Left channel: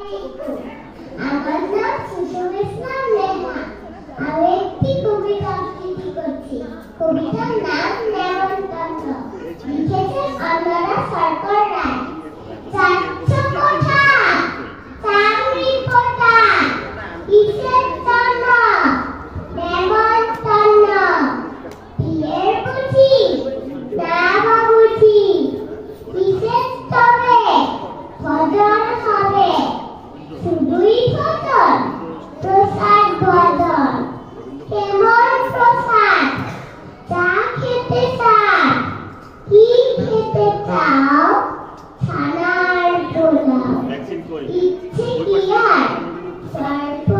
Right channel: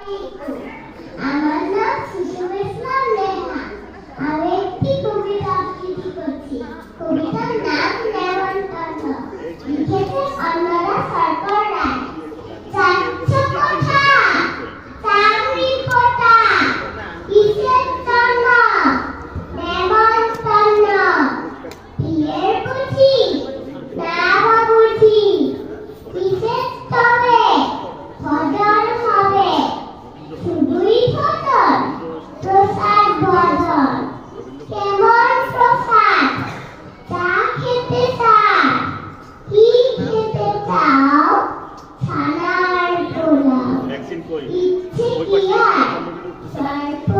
আমার নাম শিশু ইসলাম নেহা। আমি একটি কবিতা আবৃত্তি করছি। কবিতার নাম নেমন্তন্ন। লিখেছে অনরা সরকার রায়। যাচ্ছ কোথা চাকরি কোথা কিসের জন্য নেমন্তন্ন। বিয়ের বুঝি না বাবুঝি কিসের তবে ভজন হবে। শুধুই ভজন প্রসাদ ভজন কেমন প্রসাদ চা খেতে চাও কি খেতে চাও ছানার পোলাও ইচ্ছে কি আর স্বল্প